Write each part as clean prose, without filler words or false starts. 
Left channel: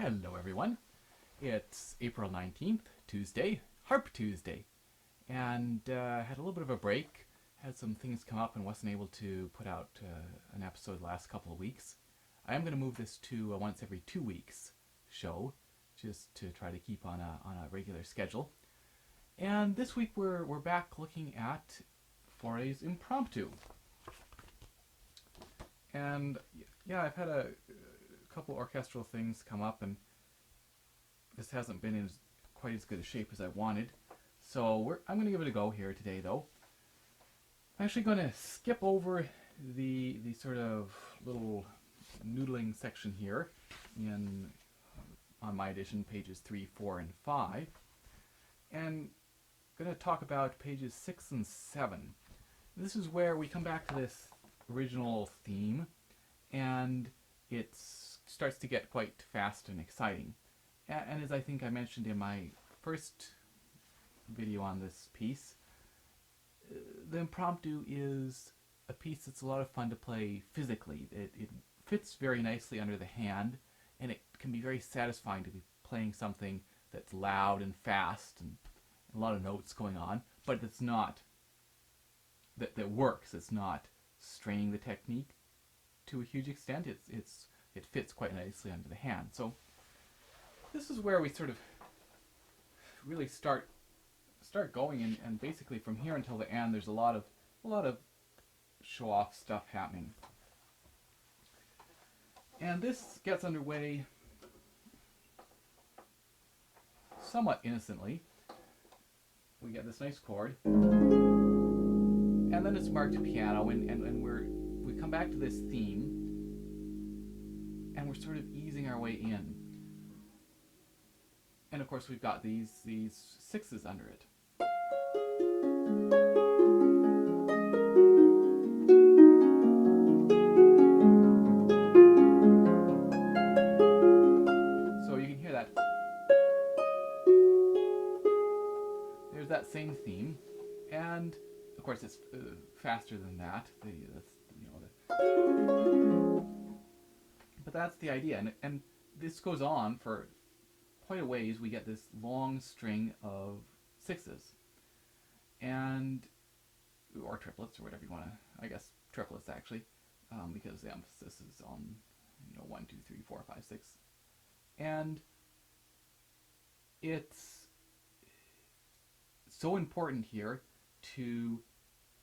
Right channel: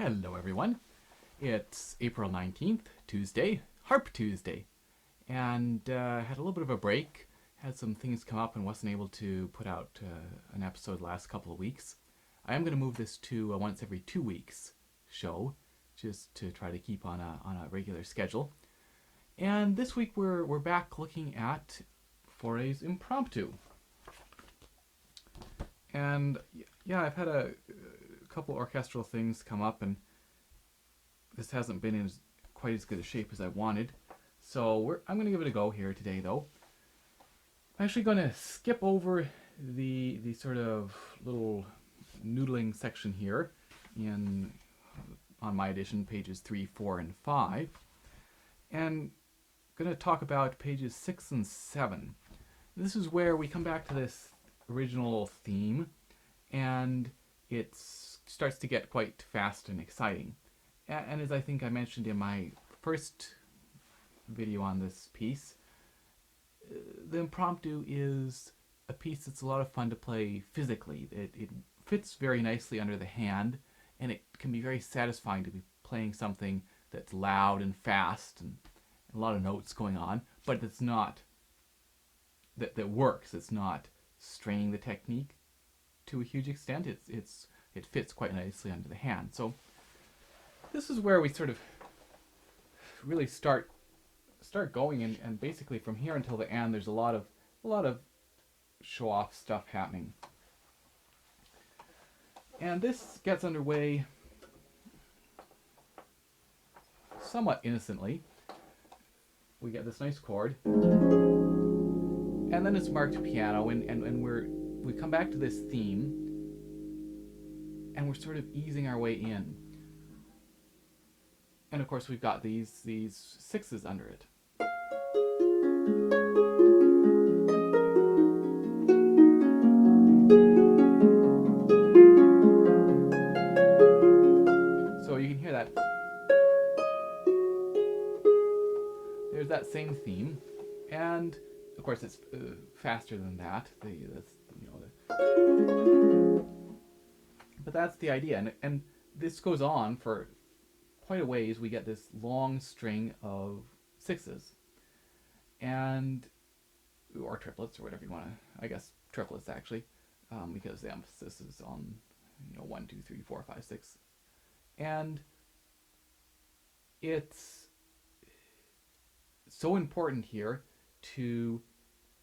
Hello everyone. It's April 19th, Tuesday, Harp Tuesday. And had a little bit of a break, had some things come up and wasn't able to put out an episode the last couple of weeks. I am going to move this to a once every 2 weeks show, just to try to keep on a regular schedule. And this week we're back looking at Fauré's Impromptu. And yeah, I've had a couple orchestral things come up, and this hasn't been in quite as good a shape as I wanted. So I'm going to give it a go here today, though. I'm actually going to skip over the sort of little noodling section here on my edition, pages 3, 4, and 5, and going to talk about pages 6 and 7. This is where we come back to this original theme, and it starts to get quite fast and exciting. And as I think I mentioned in my first video on this piece, the Impromptu is a piece that's a lot of fun to play physically. It fits very nicely under the hand, and it can be very satisfying to be playing something that's loud and fast and a lot of notes going on, but it's not that works. It's not straining the technique to a huge extent. It fits quite nicely under the hand. So this is where we sort of really start going, and basically from here until the end, there's a lot of show off stuff happening. And this gets underway somewhat innocently. We get this nice chord, and then it's marked piano, and we come back to this theme, and we're sort of easing our way in. And of course we've got these sixes under it. So you can hear that. There's that same theme, and of course it's faster than that. But that's the idea, and this goes on for quite a ways. We get this long string of sixes, or triplets, or whatever you want to. I guess triplets actually, because the emphasis is on 1, 2, 3, 4, 5, 6, and it's so important here to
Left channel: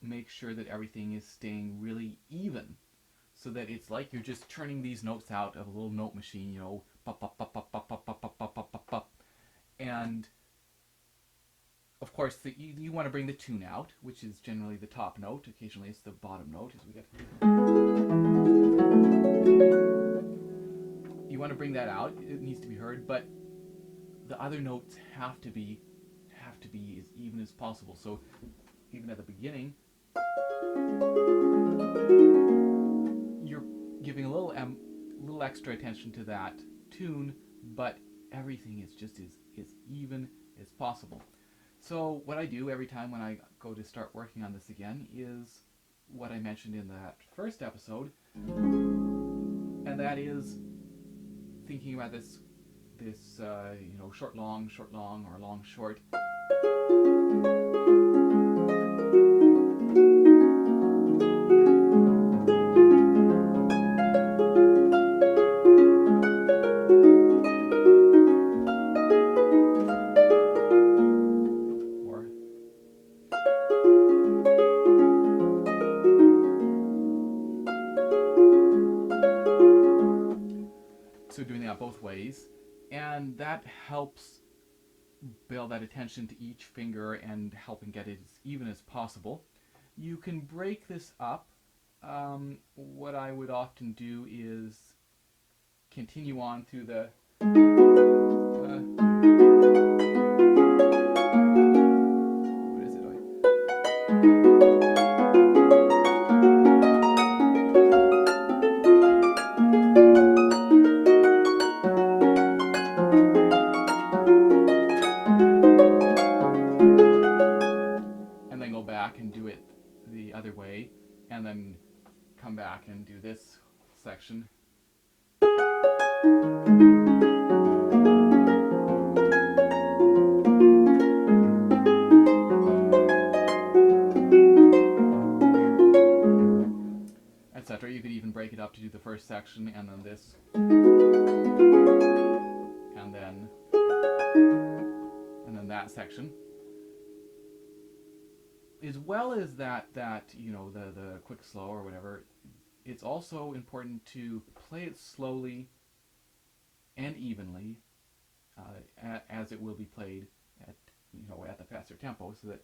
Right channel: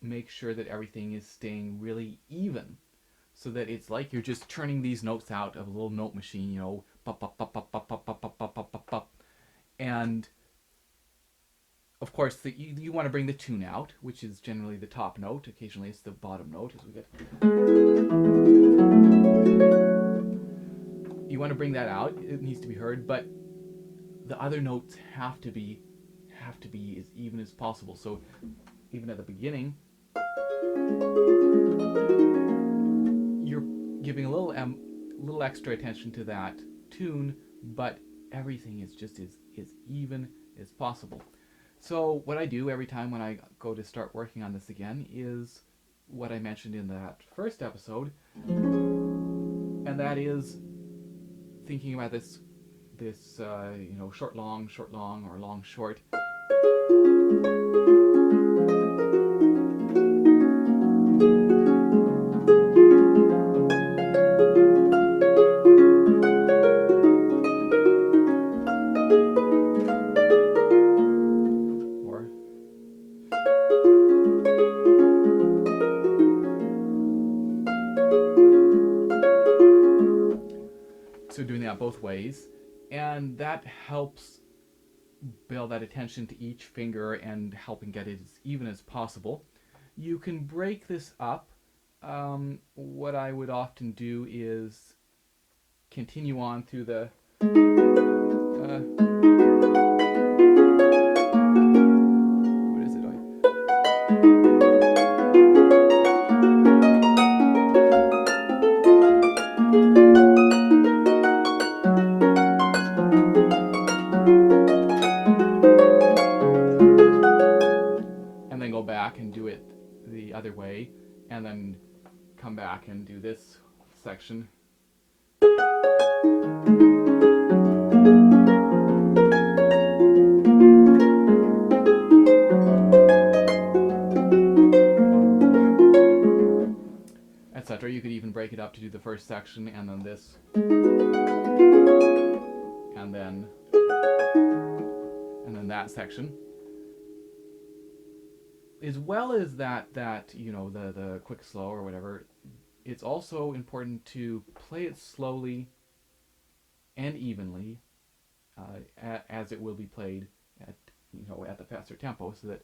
make sure that everything is staying really even, so that it's like you're just turning these notes out of a little note machine, pop, pop, pop, pop, pop, pop, pop, pop, pop, pop, pop, pop. And of course you want to bring the tune out, which is generally the top note. Occasionally it's the bottom note, as we get. You want to bring that out. It needs to be heard, but the other notes have to be as even as possible. So even at the beginning, you're giving a little extra attention to that tune, but everything is just as even as possible. So what I do every time when I go to start working on this again is what I mentioned in that first episode, and that is thinking about this short long, or long short. So doing that both ways, and that helps build that attention to each finger and helping get it as even as possible. You can break this up. What I would often do is continue on through the what is it? And then go back and do it the other way, and then come back and do this section. or you could even break it up to do the first section and then this, and then that section, as well as that you know, the quick slow or whatever. It's also important to play it slowly and evenly, as it will be played at, you know, at the faster tempo, so that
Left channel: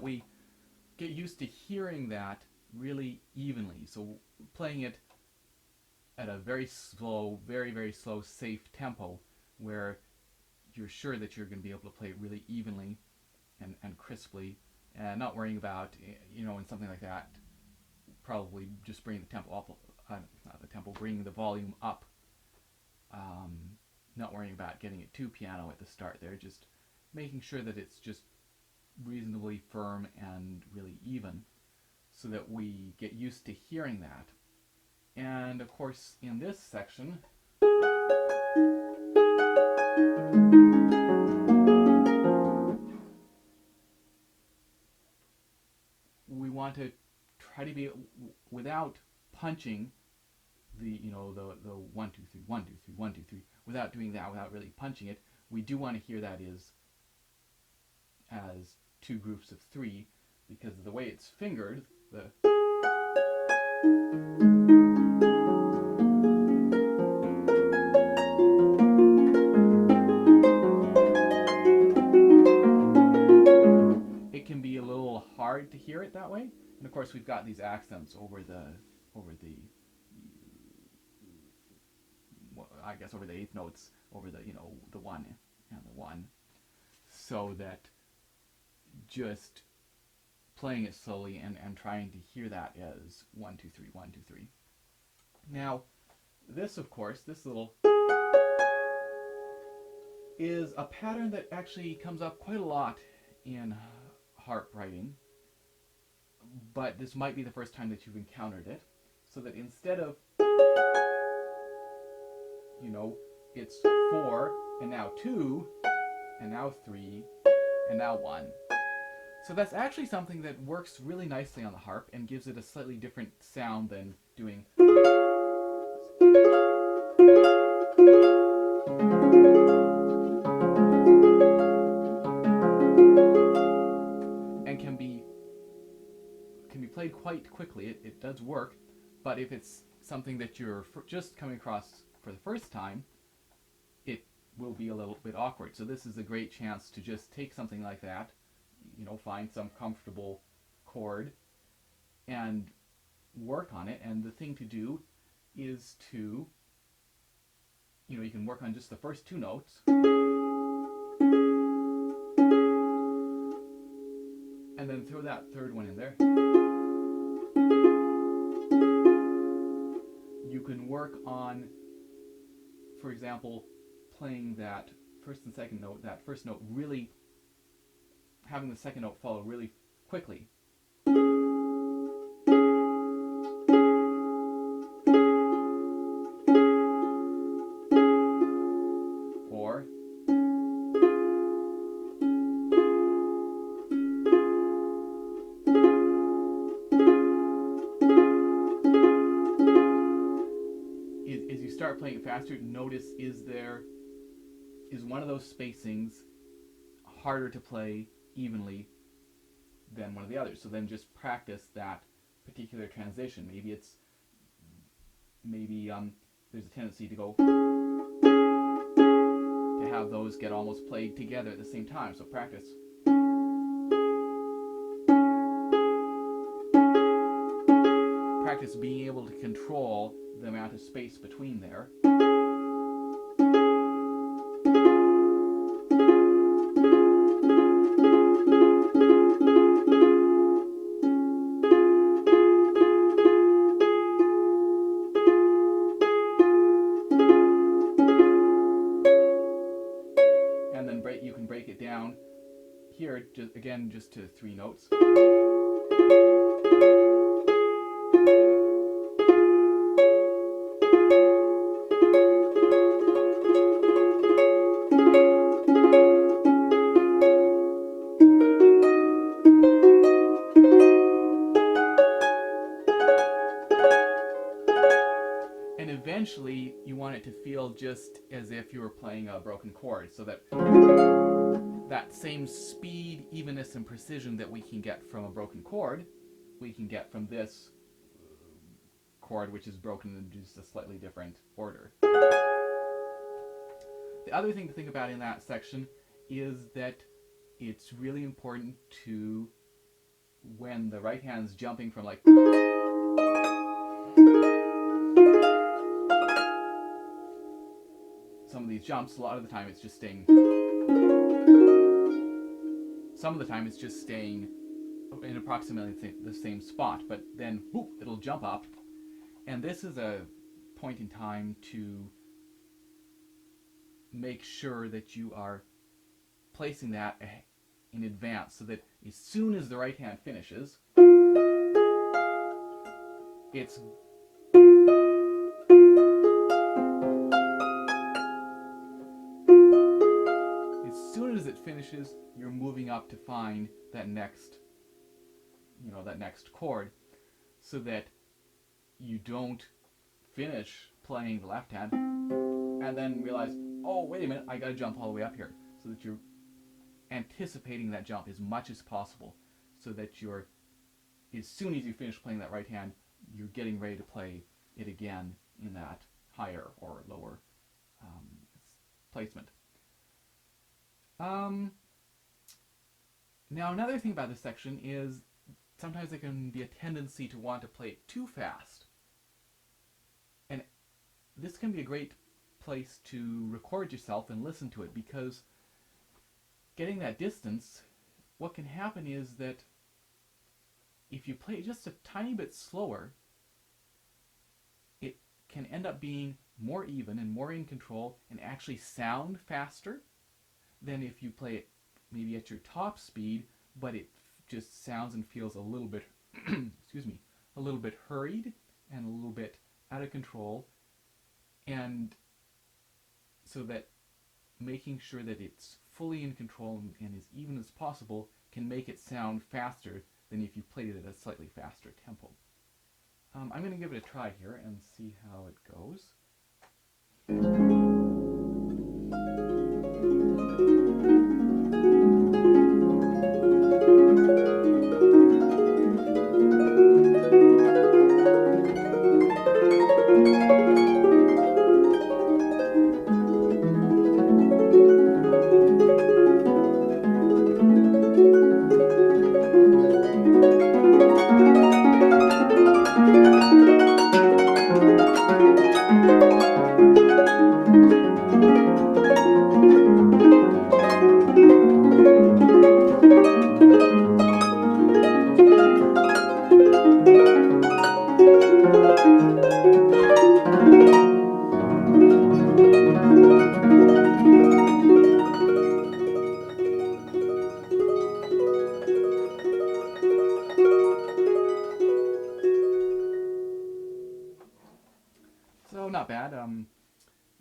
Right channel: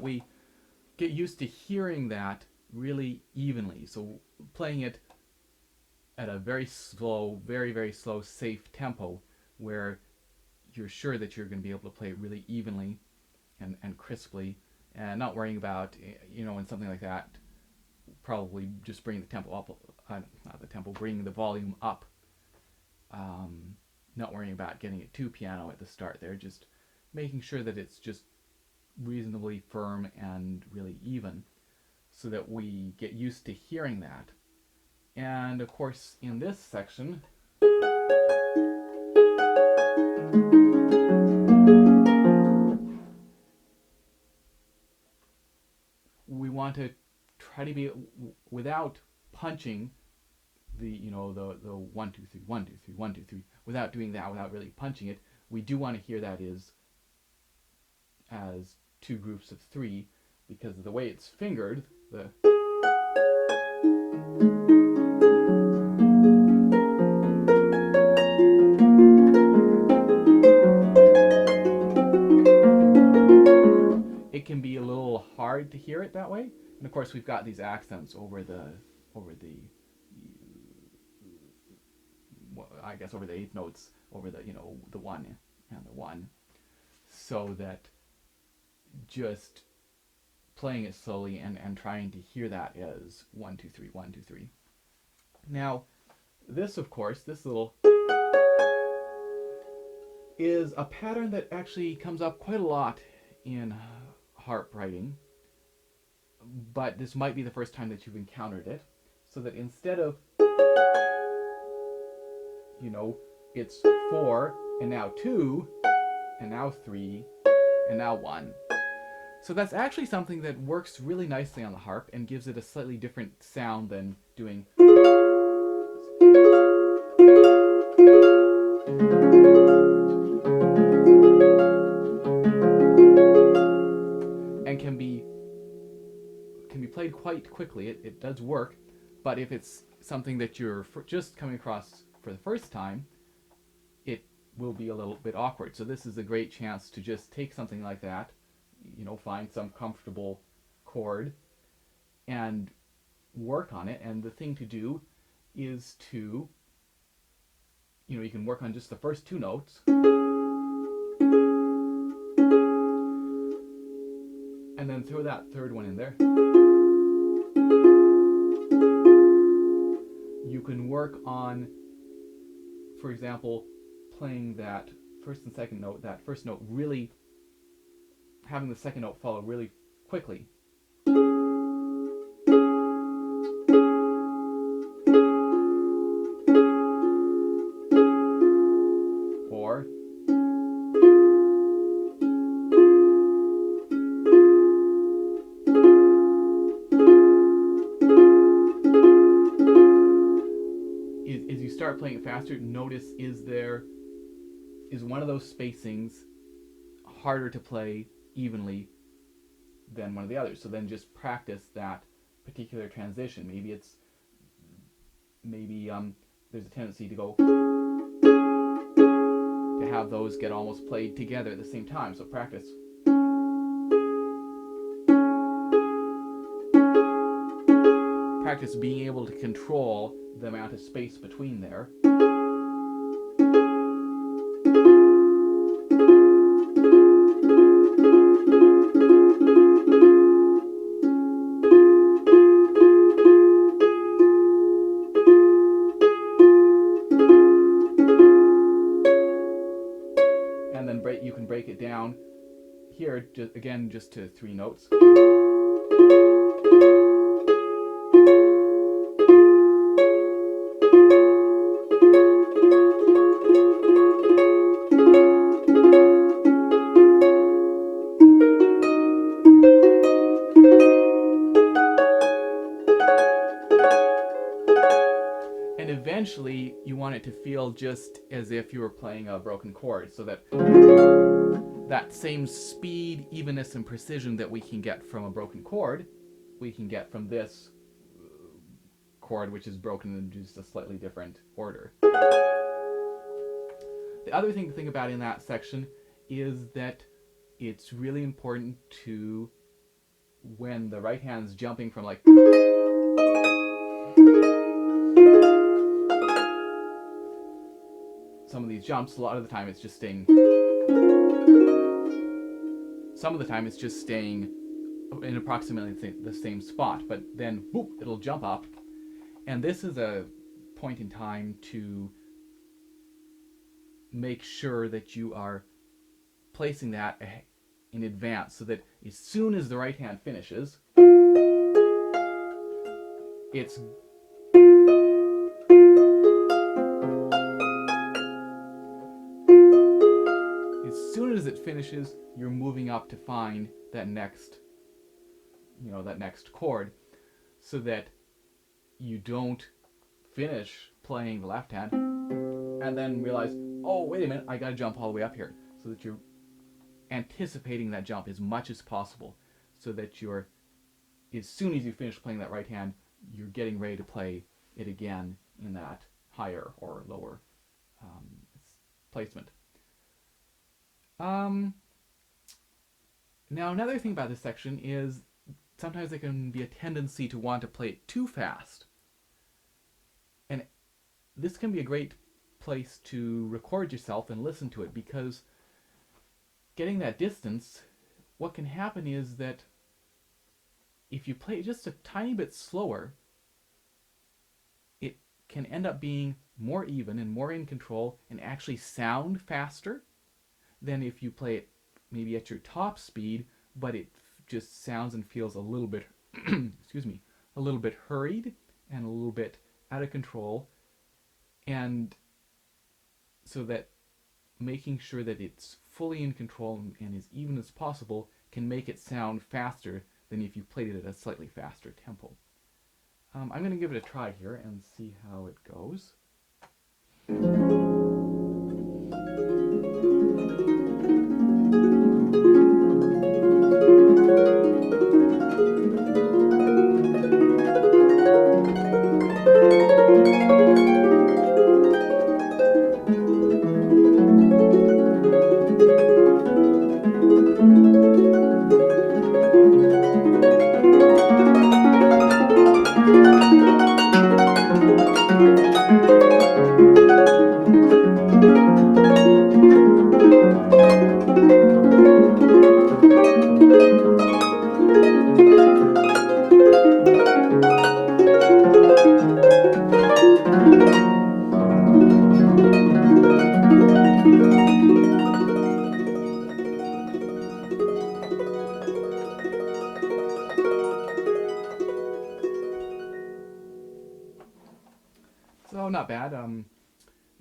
we get used to hearing that really evenly. So playing it at a very slow, very slow, safe tempo, where you're sure that you're going to be able to play it really evenly and crisply, and not worrying about, you know, in something like that, probably just bring the tempo up, not the tempo, bring the volume up, not worrying about getting it too piano at the start there, just making sure that it's just reasonably firm and really even, so that we get used to hearing that. And of course, in this section, we want to try to be, without punching the, you know, the 1 2 3 1 2 3 1 2 3, without doing that, without really punching it, we do want to hear that as two groups of three, because of the way it's fingered, it can be a little hard to hear it that way. And of course, we've got these accents over the I guess over the eighth notes, over the, you know, the 1 and the 1, so that just playing it slowly and trying to hear that as 1 2 3 1 2 3. Now, this, of course, this little is a pattern that actually comes up quite a lot in harp writing, but this might be the first time that you've encountered it. So that instead of, you know, it's 4 and now 2 and now 3 and now 1. So that's actually something that works really nicely on the harp and gives it a slightly different sound than doing, and can be played quite quickly. It does work, but if it's something that you're just coming across for the first time, it will be a little bit awkward. So this is a great chance to just take something like that, you know, find some comfortable chord and work on it. And the thing to do is to, you know, you can work on just the first two notes, and then throw that third one in there. You can work on, for example, playing that first and second note, that first note really, having the second note follow really quickly. Or as you start playing it faster, notice is one of those spacings harder to play evenly than one of the others. So then just practice that particular transition. Maybe there's a tendency to have those get almost played together at the same time. So practice. Practice being able to control the amount of space between there. break it down here, again, just to 3 notes. And eventually you want it to feel just as if you were playing a broken chord, so that that same speed, evenness, and precision that we can get from a broken chord, we can get from this chord, which is broken in just a slightly different order. The other thing to think about in that section is that it's really important to, when the right hand's jumping from like some of these jumps, a lot of the time it's just staying, some of the time it's just staying in approximately the same spot, but then whoop, it'll jump up. And this is a point in time to make sure that you are placing that in advance, so that as soon as the right hand finishes, it's as soon as it finishes, you're moving up to find that next, that next chord, so that you don't finish playing the left hand and then realize, oh, wait a minute, I gotta jump all the way up here, so that you're anticipating that jump as much as possible, so that you're, as soon as you finish playing that right hand, you're getting ready to play it again in that higher or lower placement. Now, another thing about this section is sometimes there can be a tendency to want to play it too fast. And this can be a great place to record yourself and listen to it, because getting that distance, what can happen is that if you play it just a tiny bit slower, it can end up being more even and more in control and actually sound faster than if you play it maybe at your top speed, but it just sounds and feels a little bit excuse me, a little bit hurried and a little bit out of control. And so that making sure that it's fully in control and as even as possible can make it sound faster than if you played it at a slightly faster tempo. I'm going to give it a try here and see how it goes. So not bad.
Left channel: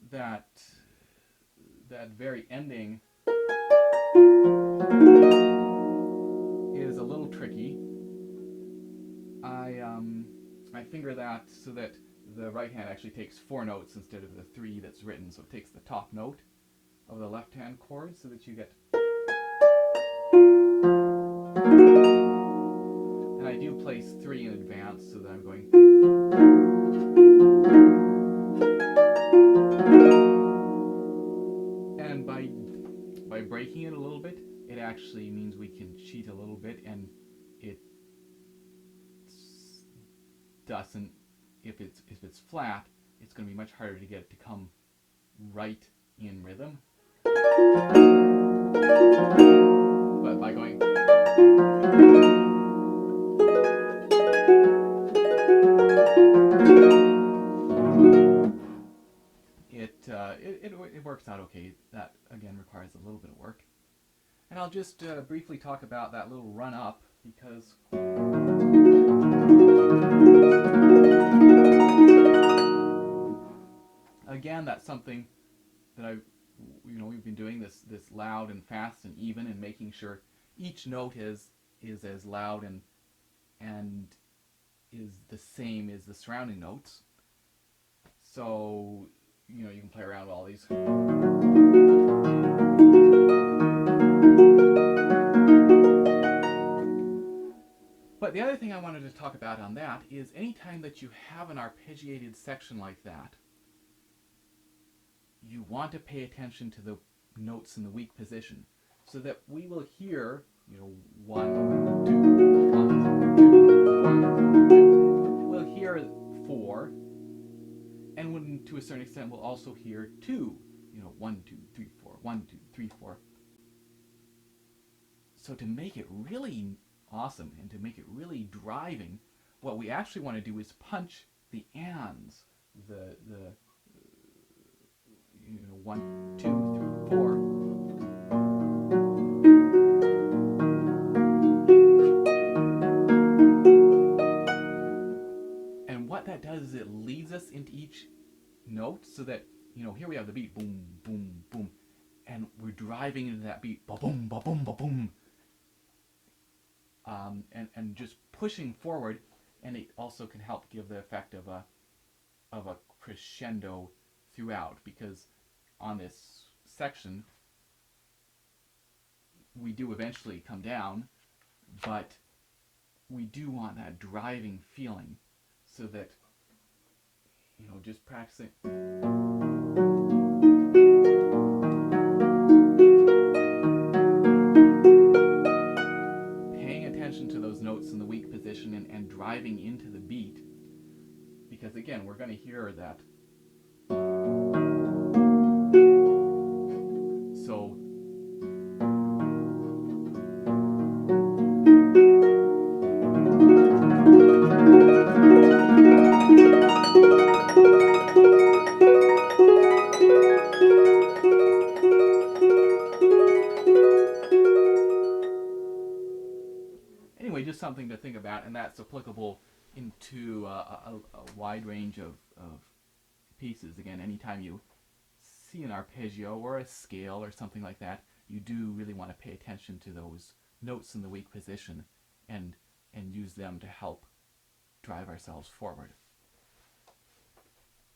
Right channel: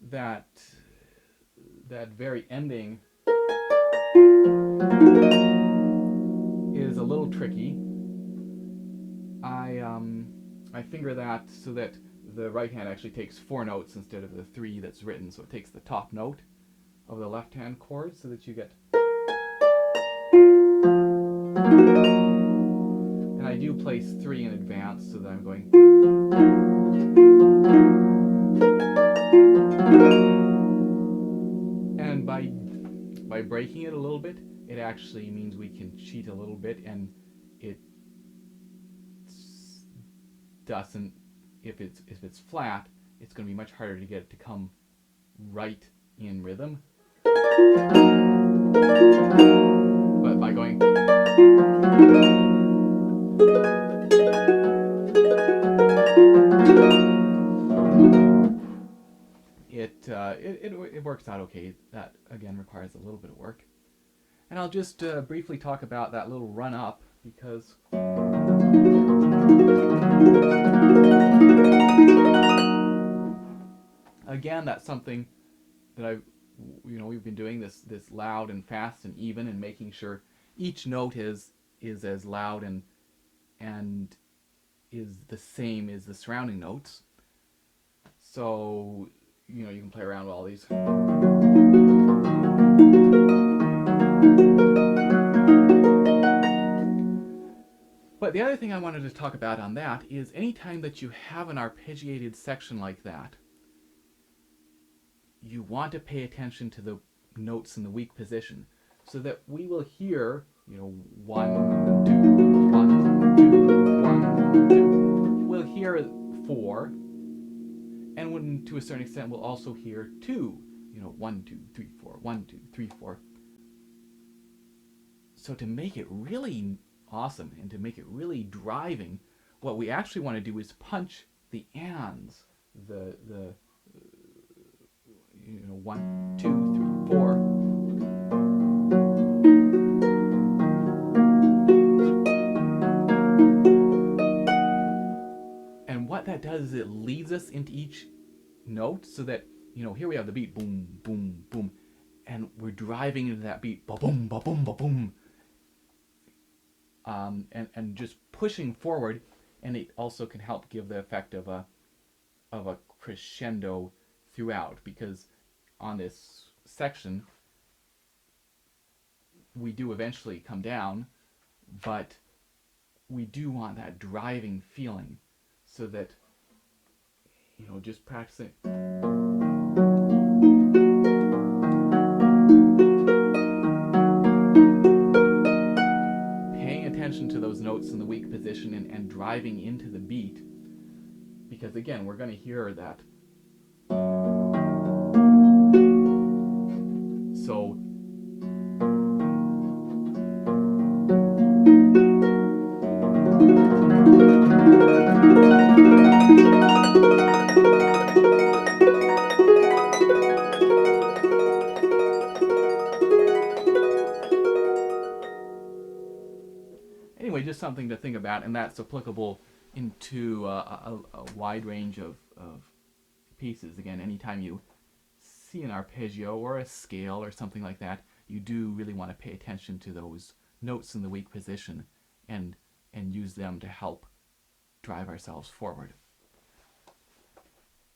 That very ending is a little tricky. I finger that so that the right hand actually takes 4 notes instead of the 3 that's written. So it takes the top note of the left hand chord, so that you get. And I do place 3 in advance, so that I'm going. And by breaking it a little bit, it actually means we can cheat a little bit, and it doesn't. If it's flat, it's going to be much harder to get it to come right in rhythm. But by going. It works out okay. That again requires a little bit of work. And I'll just briefly talk about that little run up, because again, that's something that we've been doing this loud and fast and even, and making sure each note is as loud and is the same as the surrounding notes. So you can play around with all these. But the other thing I wanted to talk about on that is anytime that you have an arpeggiated section like that, you want to pay attention to the notes in the weak position, so that we will hear, 1, 2, 1, 2, 1, 2. We'll hear 4, and when, to a certain extent, we'll also hear 2. 1, 2, 3, 4, 1, 2, 3, 4. So to make it really awesome and to make it really driving, what we actually want to do is punch the ands, the 1, 2, 3, 4. And what that does is it leads us into each note, so that here we have the beat, boom, boom, boom, and we're driving into that beat, ba boom, ba boom, ba boom, and just pushing forward. And it also can help give the effect of a crescendo throughout, because on this section we do eventually come down, but we do want that driving feeling, so that just practicing. Paying attention to those notes in the weak position and driving into the beat, because again, we're going to hear that. So anyway, just something to think about, and that's applicable into a wide range of pieces. Again, anytime you see an arpeggio or a scale or something like that, you do really want to pay attention to those notes in the weak position and use them to help drive ourselves forward.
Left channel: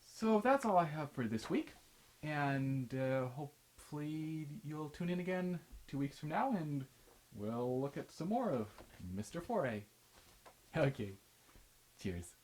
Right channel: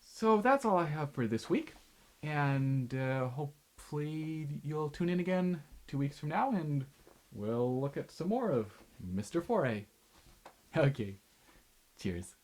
So that's all I have for this week, and hopefully you'll tune in again 2 weeks from now, and we'll look at some more of Mr. Fauré. Okay, cheers.